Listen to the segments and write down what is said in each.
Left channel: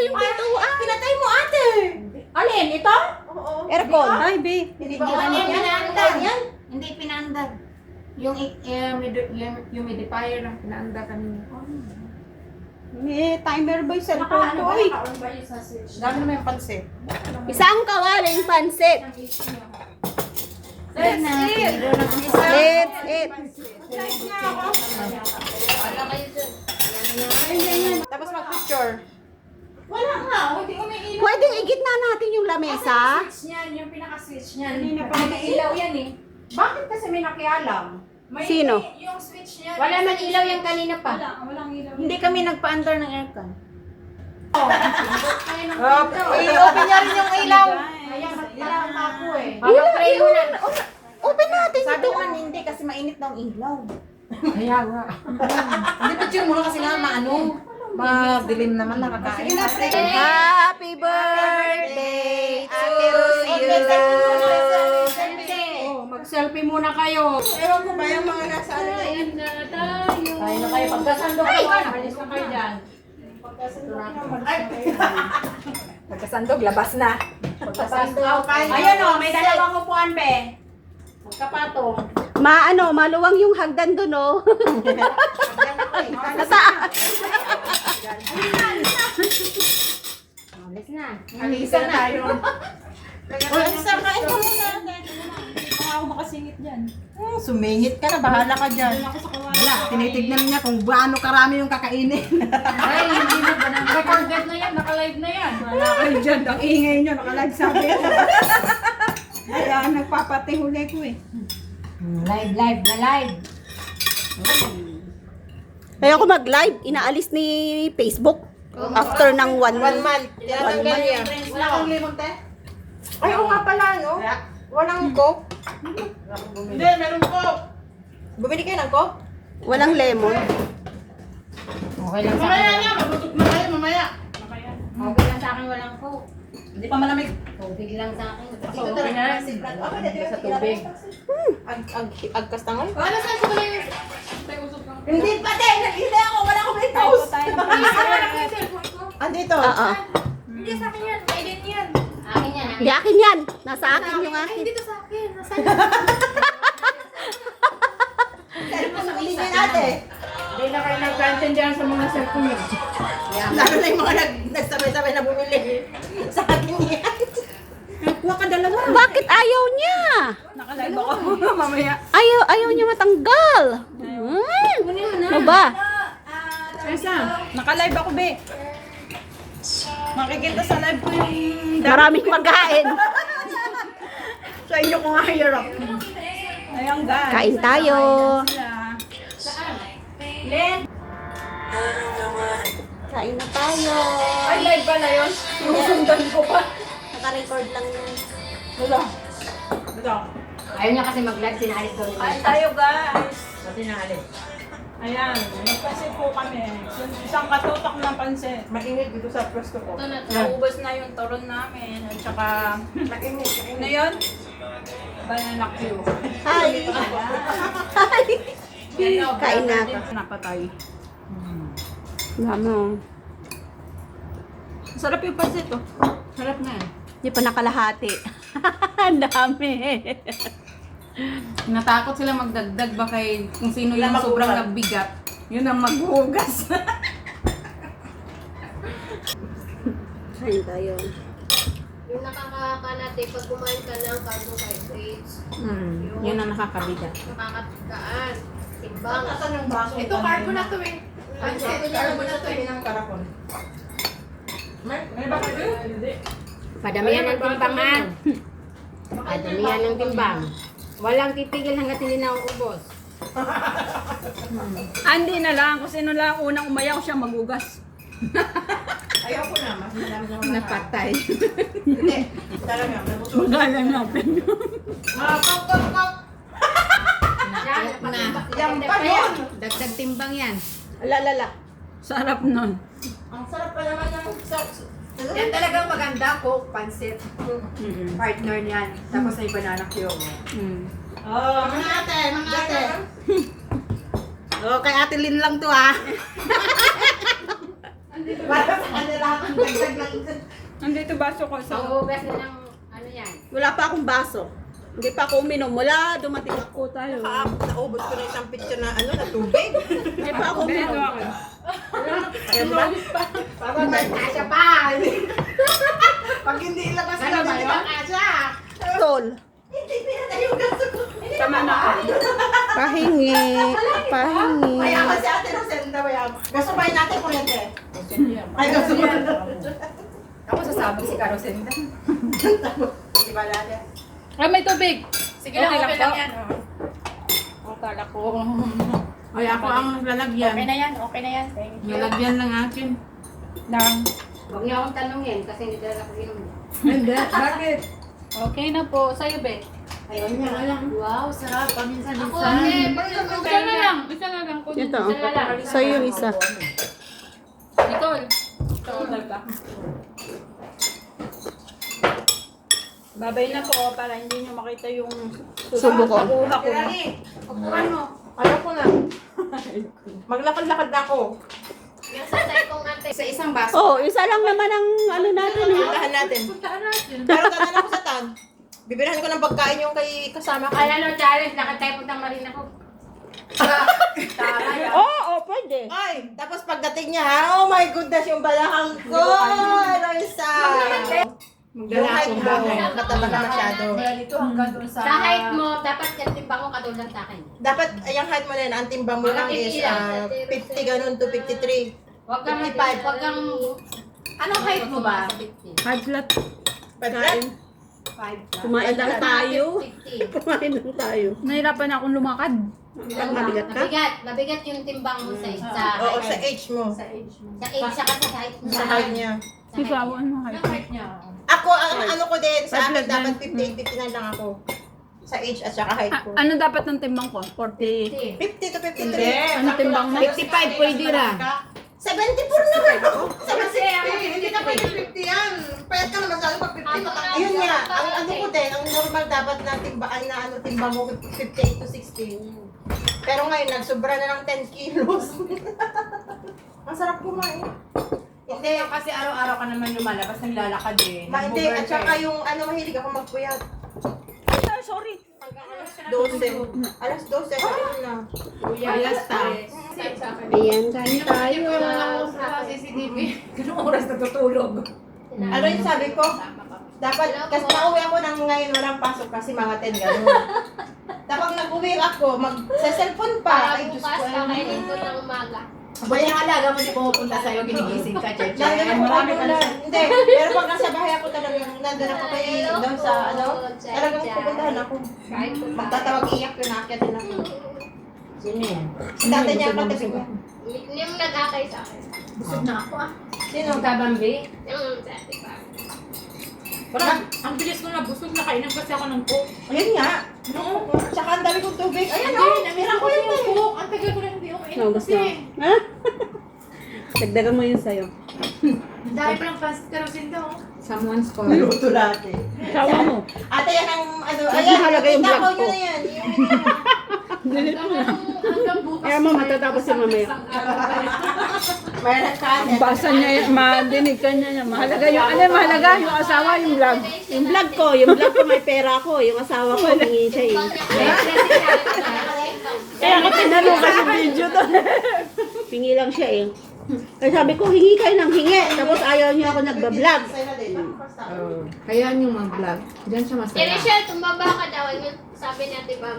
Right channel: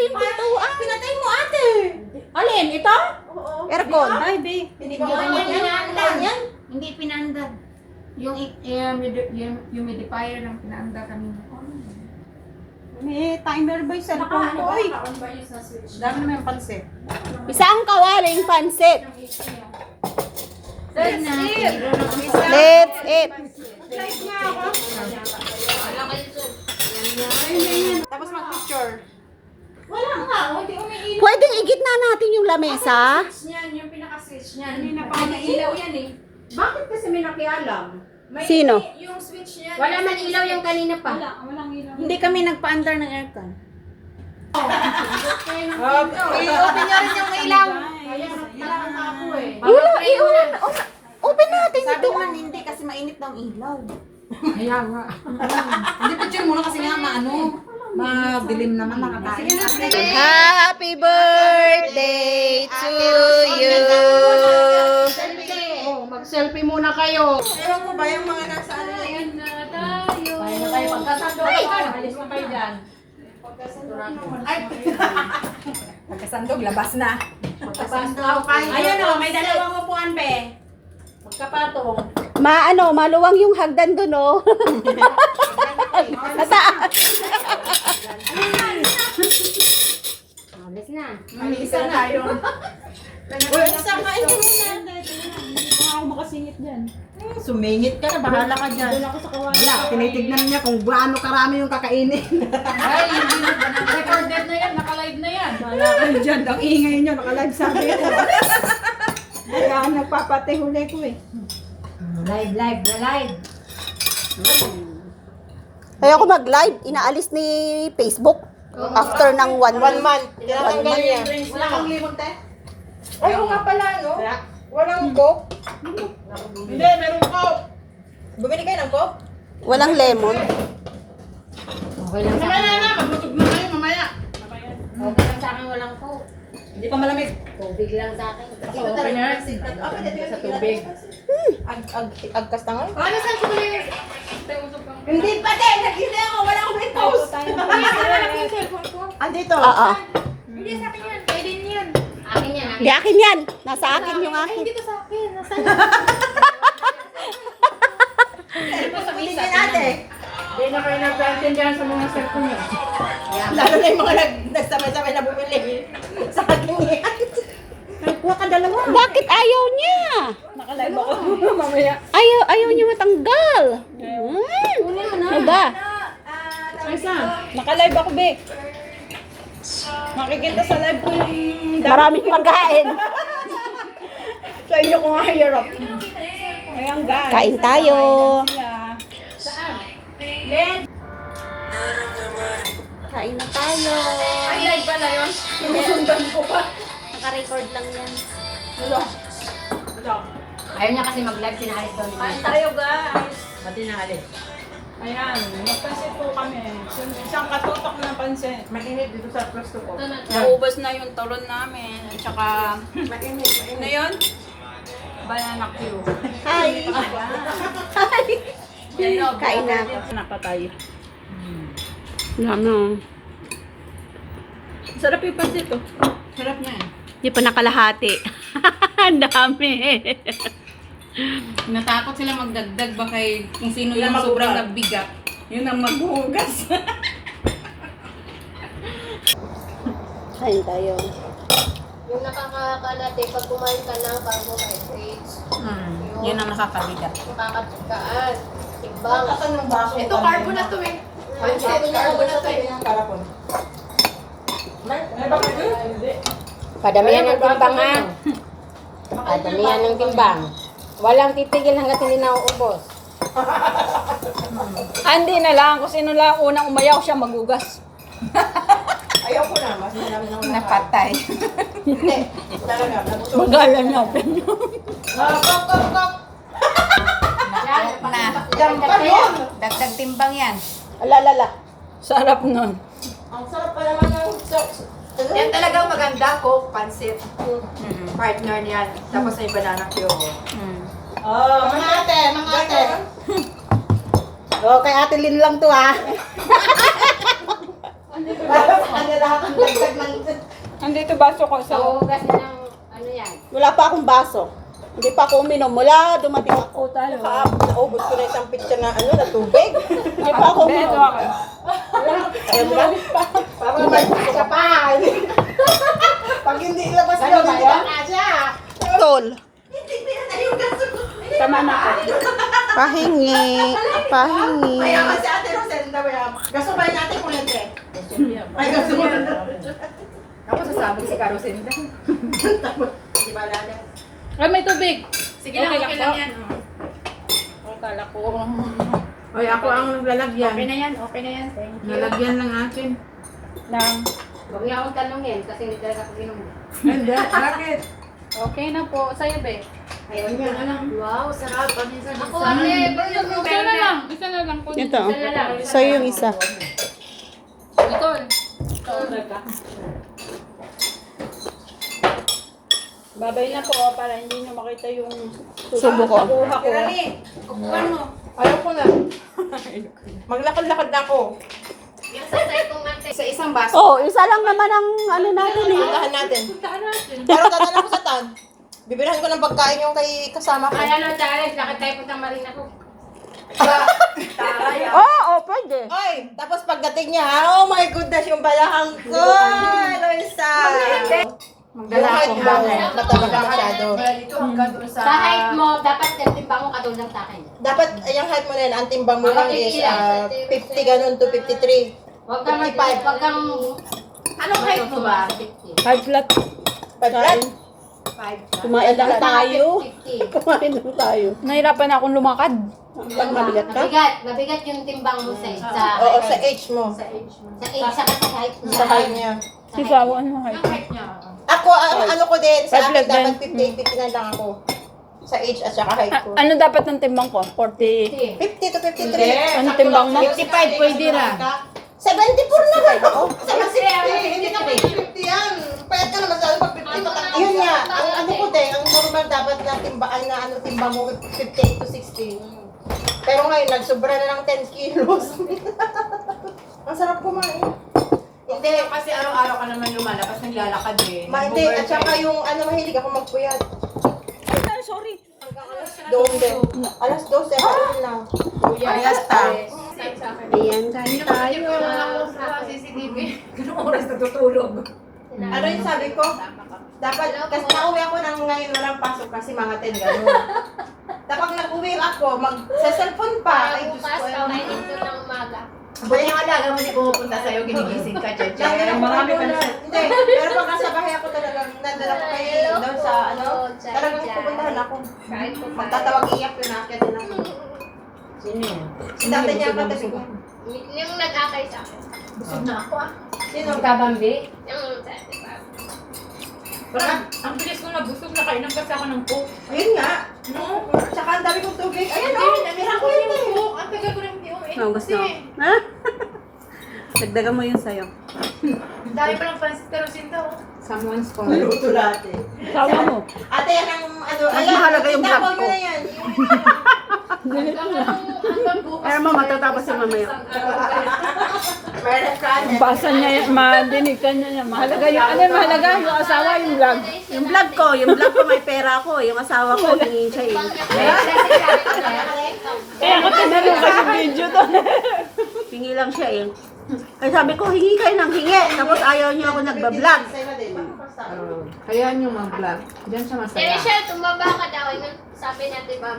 kasi yung pintuan. Pinatay mo ate. Alin? Ito? Oo. Aircon. Ay, B. Hindi ba yan? Yan. Hindi pinaandar. Yung humidifier ang pinaandar kanina. May timer ba yung cellphone ko? Ay, Naka-on ba yung sa switch? dami naman yung pansit. Isang kawaling pansit. Let's eat! Let's eat. Tapos mag-picture. Wala nga. Hindi umiilaw. Pwedeng igitna natin yung lamesa. Switch niyan. Yung pinaka-switch niyan. Hindi na pa Pinailaw yan eh. Bakit kasi may nakialam? May Sino? Yung switch niyan. Wala man ilaw yung kanina pa. Walang ilaw. Hindi kami nagpa-andar ng aircon. I-open niya rin yung ilaw. Kaya nagtalaan ako eh. Mapapray mo na. Open natin Sabi ito. naman hindi kasi mainit na ang ilaw. Kaya nga. Hindi picture muna kasi nga maano. Madilim naman nakakain. Happy birthday to you. Oh, mag-selfie muna kayo. Ewan ko ba yung mga nasa ano yan? Tayo na kayo. Pagkasando kayo. Alis na kayo dyan. Pagkasandog, labas na. Pagkasando. Ayan o, may dalawang upuan, be. Magkapatong. Maluwang yung hagdan doon, oh. Nataas. Alis na. Isa na yun. Isa kain ka muna. Hindi pa ako makasingit dyan. Sumingit ka na, bahala ka dyan. Wala, tinitignan niya kung gaano karami yung kakainin. Ay, recorded na yan. Naka-live na yan. Wala kayo dyan, ang ingay nyo, nakalive sabi ko. Kaya nagpapatihuli ko eh. Live na live. Kaya ako mag-live, inaalis ni Facebook after ng 1 month. Tinatanggal niya. Wala kang limang te? Ay, oo nga pala, no? Walang coke. Hindi, meron ko. Bumili kayo ng coke? Walang lemon. Okay lang sa akin. Mabusog na kayo mamaya. Okay lang sa akin walang coke. Hindi pa malamig. Tubig lang sa akin. Dito talaga. Sa tubig. Agkastangon? Ano saan ko pala yung... Hindi pa din. Nakita ako. Wala akong may post. Andito. Oo. Hindi sa akin yan. Kaya din yan. Akin yan. Di akin yan. Nasa akin yung akin. Dito sa akin. Nasa Hindi ate. Hindi na kayo nagkaintindihan sa mga cellphone nyo. Lalo na yung mga nagsabay-sabay na bumili. Sa akin yan. Kuha ka dalawa. Bakit ayaw niya? Nakalive ako. Mamaya. Ayaw niya matanggal. Ano ba? Isa. Nakalive ako, be. Makikita sa live ko yung... Maraming pagkain. Sa inyo ko nga hirap. Ayun, guys. Kain tayo. Kain na tayo. Ay, live ba na yun? Sinusundan ko pa. Naka-record lang yan. Ito. Ayaw niya kasi mag-live, sinaalis daw nila. Kain tayo, guys. Pati na alis. Ayan, nagpansit po kami. Isang katutok ng pansit. Mainit dito sa pwesto ko. Naubos na yung turon namin. At saka, Mainit. ano yun? Banana Q. Hi. Hi. Kain na ako. Napatay. Ano? Sarap yung pansit oh. Sarap na yan. Di pa nakalahati. Ang dami. Natakot sila magdagdag ba kay kung sino yung sobrang nagbigat. Yun ang maghuhugas. Kain tayo. Yung nakakakalate, pag kumain ka ng carbohydrates, Yun ang nakakabigat. nakakatsagaan, tigbang. Ito, carbo na to eh. Ay, sabi niya Carbo naman na to eh. tayo. May bakit eh? Hindi. Padamihan ng timbang ha. Padamihan ng timbang. Walang titigil hanggat hindi nauubos. Hindi na lang. Kung sino lang unang umayaw siya magugas. Ayaw ko na. Mas marami nang Napatay. Hindi. Talaga. Nabusog. Magalan natin yun. Kop, kop, kop. Yan pa yun. Dagdag timbang yan. Alalala. Sarap nun. Ang sarap pa naman ng yan talagang maganda, coke, pansit. Partner niyan. Tapos may banana Q. Oh, mga ate, mga ate. Oh, kay Ate Lynn lang to ha. Para sa kanila. Dagdag lang. Andito baso ko Sa ugas na ng ano yan. Wala pa akong baso. Hindi pa ako uminom. Mula dumating ako. po tayo. Naubos ko na isang picture na na tubig. Hindi pa ako uminom. Ayaw mo ba? Parang may kasya pa. Pag hindi ilabas Ano na, ba hindi yun? ka kasya. Tol. Hindi pinatayugan ko. Tama na ako. Pahingi. Pahingi. Mayaman si Ate Rosenda, mayaman. Gusto ba natin kung hindi? Ay, gusto mo. Ako sasabog si Carosenda. Di ba natin? Ay, may tubig. Sige lang, okay lang yan. O, kala ko. Ay, ako ang naglalagyan. Okay na yan, okay na yan. Thank you. Nalagyan ng akin. Huwag niya akong tanungin kasi hindi talaga ako inom. Hindi, bakit? Okay na po. Sa'yo, be. Ayaw niya, alam. Wow, sarap. Paminsan-minsan. Ako, ate, Isa na lang. Isa na lang po. Ito. Isa na lang. Sa'yo yung isa. Ito. Babay na po para hindi nyo makita yung Subo ko. kuha ko. Kukuhan mo. Ayoko na. Maglakad-lakad na ako. Yung sasay kong ate. Sa isang baso. Oh, isa lang naman ang ano natin eh. Puntahan natin. Pero dadaan ako sa tan. Bibilhan ko ng pagkain yung kay kasama ko. Ay, ano, challenge. Lakad tayo puntang Marina ko. Oh, pwede. Ay, tapos pagdating niya, oh my goodness, yung balakang ko. Eloisa. Yung height mo, mataba na masyado. Mula dito hanggang doon sa... Sa height mo, dapat timbang mo katulad sa akin. Dapat, yung height mo na yan, ang timbang mo lang is 50 ganun to 53. Huwag kang 55. Huwag kang... Anong height mo ba? 50. Hard flat. Pagkat, 5. Kumain lang tayo. 50. Kumain lang tayo. Nahirapan akong lumakad. Pag mabigat ka? Mabigat yung timbang mo sa oo, sa age mo. Sa age mo. sa age, saka sa height mo. Sa height niya. Ikaw, ano height? Anong height niya? Ako, ang ano ko din, sa akin Pagkat dapat din. 50 na lang ako. Sa age at saka height ko. Ano dapat ng timbang ko? 40. 50 to 53. Ano timbang mo? 55 pwede na. 74 na ba ako? 73. Hindi naman yung 50 yan. Payat ka naman sa pag 50. Yun nga, ang ano ko din, ang normal dapat na timbaan na ano timbang mo 58 to 60. Pero ngayon, nagsobra na ng 10 kilos. Ang sarap kumain. Hindi, kasi araw-araw ka naman lumalabas, naglalakad eh. Hindi, at saka yung ano, mahilig ako magpuyat. Ay, sorry. 12. Alas 12, ako na. Alas Ayan, kain tayo. Sa CCTV. Anong oras natutulog? Ano yung sabi ko? Dapat, kasi nauwi ako nang ngayon walang pasok kasi mga 10 gano'n. Tapos nag-uwi ako, mag-cellphone pa. Ay, Diyos ko, ano na yun. ng umaga. Buti ang alaga mo di pumupunta sa'yo, ginigising ka, Lagi Cheche. na marami ka na. Hindi, pero pag nasa bahay ako talagang nandala ko kayo doon sa ano, talagang pupuntahan ako. Magtatawag iyak yun, nakakit na ako. Sino yan? Si tatay niya ang katabi ko. Yung nag-akay sa akin. Busog na ako ah. Sino? Kabambi? Yung dati. Parang, ang bilis ko na busog na kainan kasi ako ng coke. Ayun nga. Tsaka ang dami kong tubig. Ayan o, Hindi, namira ko kasi yun yung eh. coke. Ang tagal ko rin hindi umiinom Naubos kasi. na. Ha? Dagdagan mo yun sa'yo. Ang dami pa ng pansit karosin daw. Someone's call. Niluto lahat eh. Sawa mo. Ate, yan ang ano. Mas mahalaga yung kita vlog ko. na yan. Hanggang bukas. Kaya mo, matatapos yung mamaya. Meron ka. Basa niya, madinig ka niya. Mahalaga yung, ano yung mahalaga? Yung asawa, yung vlog. Yung vlog ko may pera ko. Yung asawa ko, hingi siya eh. Eh, ako tinanong kasi video to. Hingi lang siya eh. Kaya sabi ko, hingi kayo ng hingi. Tapos ayaw niyo ako nagbablog. Hayaan nyo mag-vlog. Diyan siya masaya. Rachel, tumaba ka daw. Yung sabi natin, Bam.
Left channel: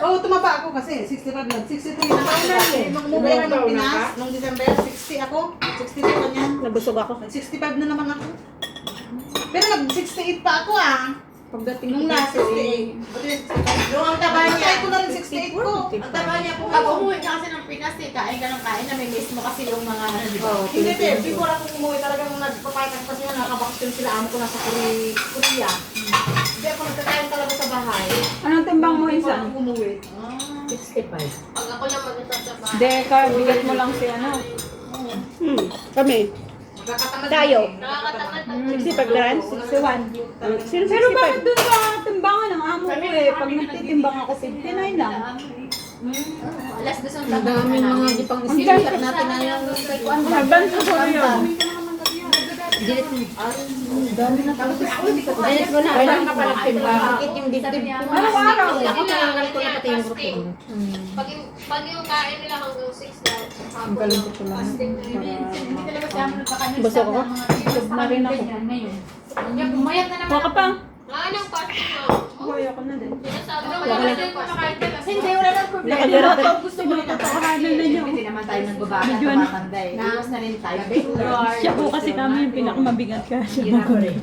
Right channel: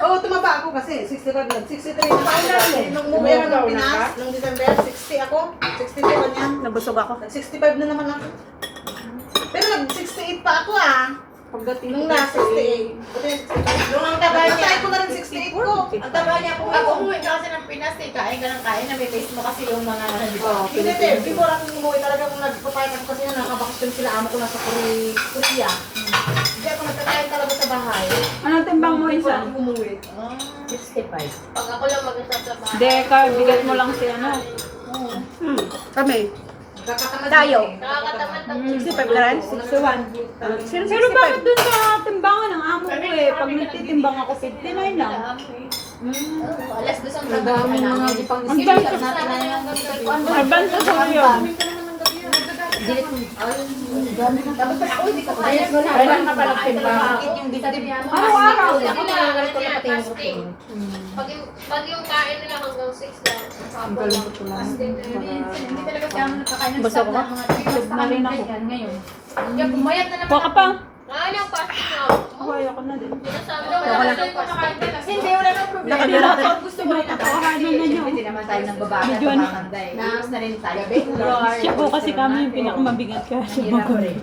Oo, tumaba ako kasi. 65 na. 63 na ako dati. Nung umuwi ako ng Pinas, nung December, 60 ako. 67 niya. Nabusog ako. 65 na naman ako. Pero nag-68 pa ako ah. Pagdating Nung na, 68. Nung ang taba niya. Try ko na rin 68 ko. Ang taba niya po. Ako umuwi ka kasi ng Pinas eh. Kain ka ng kain. Nami-miss mo kasi yung mga ano, di ba? Oh, Hindi, te. Before ako umuwi talagang nagpapayag kasi na nakabakasyon sila. Amo ko nasa Korea. Hindi ako nagkakain talaga sa bahay. Anong timbang mo Before isa? ako umuwi. 65. Pag ako lang mag-usap sa Hindi, bigat mo lang si ano. Kami. Tayo. Nakakatamad ang 65 ka rin? 61. Pero bakit dun sa timbangan ng amo ko eh? Pag nagtitimbang ako, 59 lang. alas dos ang Ang dami na nga di pang Ang dami. natin na yung Mabanto ko yun. Delete mo na. Kailan ka pala timbang? Sakit yung dibdib ko. Araw-araw. Ako na ganito na pati yung grupo. Pag yung kain nila hanggang 6 na. Ang galing ko lang. Hindi talaga sa amin nakakain ng Basta ko ba? Busog na rin ako. ngayon. Kaya pumayat na naman. Kuha ka pa. Ano yung plastic na? Ako, ayoko na din. Sabi ko, wala na yung nakain nila. Hindi, wala nang problema. Nakabira. Gusto mo rin Kakahanan na niyo. Hindi naman tayo ng babae at Medyo ano. tumatanda eh. Naas na rin tayo. Siya po kasi kami yung pinakamabigat kaya siya makulit.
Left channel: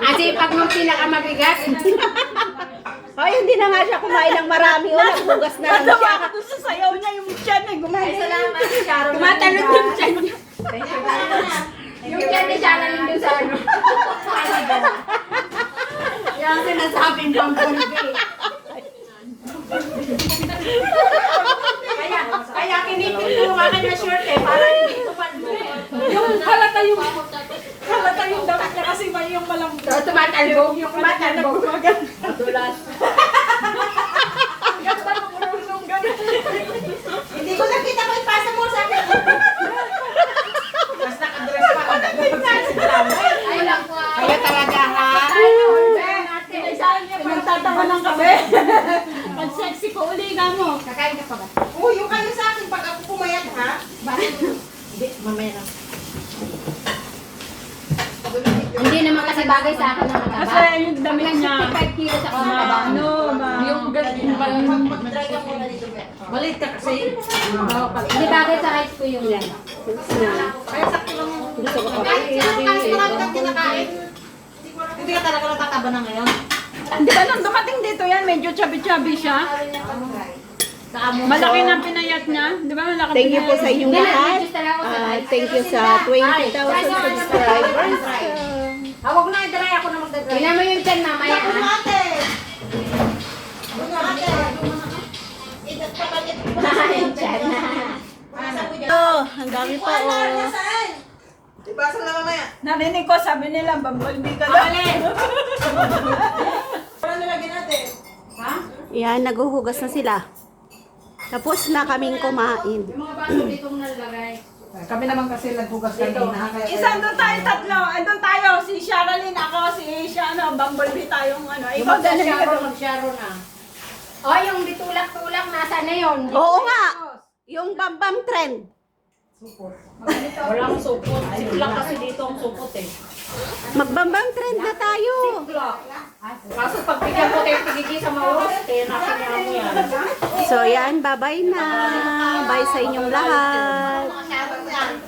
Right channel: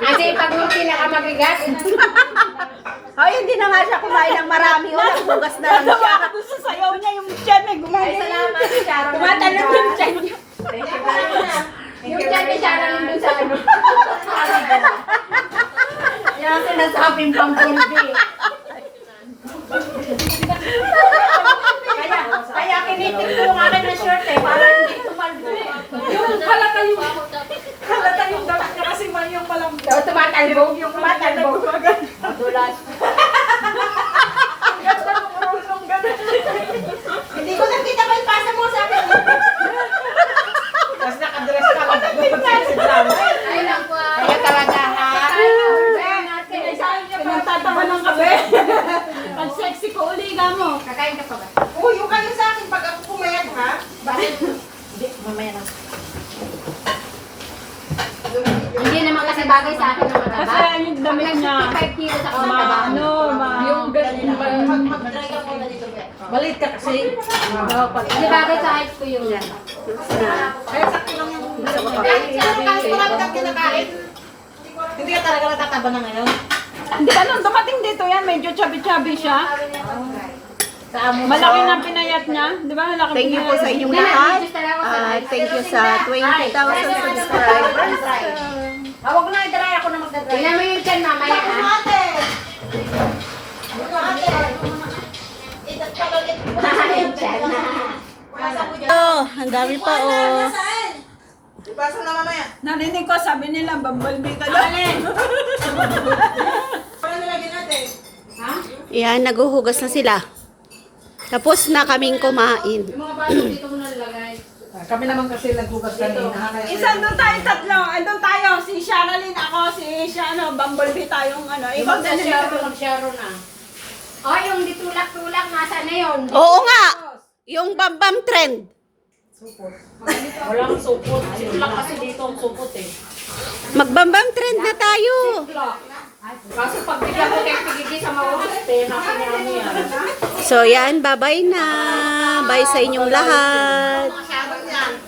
Kasi pag yung pinakamabigat, Ay, hindi na nga siya kumain ng marami. O, nagbugas na lang siya. Gusto sayaw niya yung tiyan eh. Ay, Gumagano. salamat, Sharon. Tumatalon yung tiyan niya. Thank you very much. yung dyan ni Sharon nandun sa ano. Yan ang sinasabing pangpulbi. Kaya kinipit ko yung akin na short eh, para hindi tumalbi. Yung halata yung dalat niya kasi man yung malambot. So, tumatalbog. Yung matalbog. Madulas. Hindi ko nakita ko ipasa mo sa akin. Tapos nakadress ka ako. Ay, lang po. Kaya talaga ha. Pinagtatawa ng kabe. Pag sexy ko uli ka mo. Kakain ka pa ba? Oo, yung kayo sa akin pag ako pumayat ha. Hindi, mamaya na. Hindi naman kasi bagay sa akin ng mataba. Kasi yung damit niya. 65 kilos ako ng mataba. Ano, yung ganun ba? Mag-try ako na dito. Balit ka kasi. Hindi bagay sa height ko yun. Kaya sakto lang yung Gusto ko pa. kinakain. Hindi ka talaga natataba na ngayon. Hindi ba nung dumating dito yan, medyo chubby-chubby siya. Sa amo. Malaki na pinayat niya. Di ba malaki Thank you po sa inyong lahat. Nag-register ako sa live. Thank you sa 20,000 subscribers. Huwag na i-dry ako na magdadry. Tingnan mo yung dyan mamaya Ano ha. ate? Ano ate? Idat ka ulit. Yung dyan. Oh, ang dami pa oh. Saan? Ipasa na mamaya. Narinig ko, sabi nila, bumblebee ka daw. Ano nalagyan natin? Yan, naguhugas na sila. Tapos na kaming kumain. Yung mga baso dito mo nalagay. Kami naman kasi naghugas kanina. Isang doon tayo, tatlo. Andun tayo, si Sharalyn, ako, si Bumblebee tayong ano. Ikaw din. Mag-Sharon na. Oh, yung ditulak-tulak, nasa na yun? Oo nga. Yung Bambam trend. Walang supot. Siklak kasi dito ang supot eh. Magbambam trend na tayo. Kaso pag bigyan ko kayo pigigi sa mga oras, nasa niya mo yan. So yan, bye-bye na. Bye sa inyong lahat.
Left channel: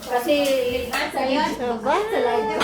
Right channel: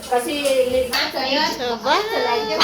Kasi late na sa'yo. So, bye.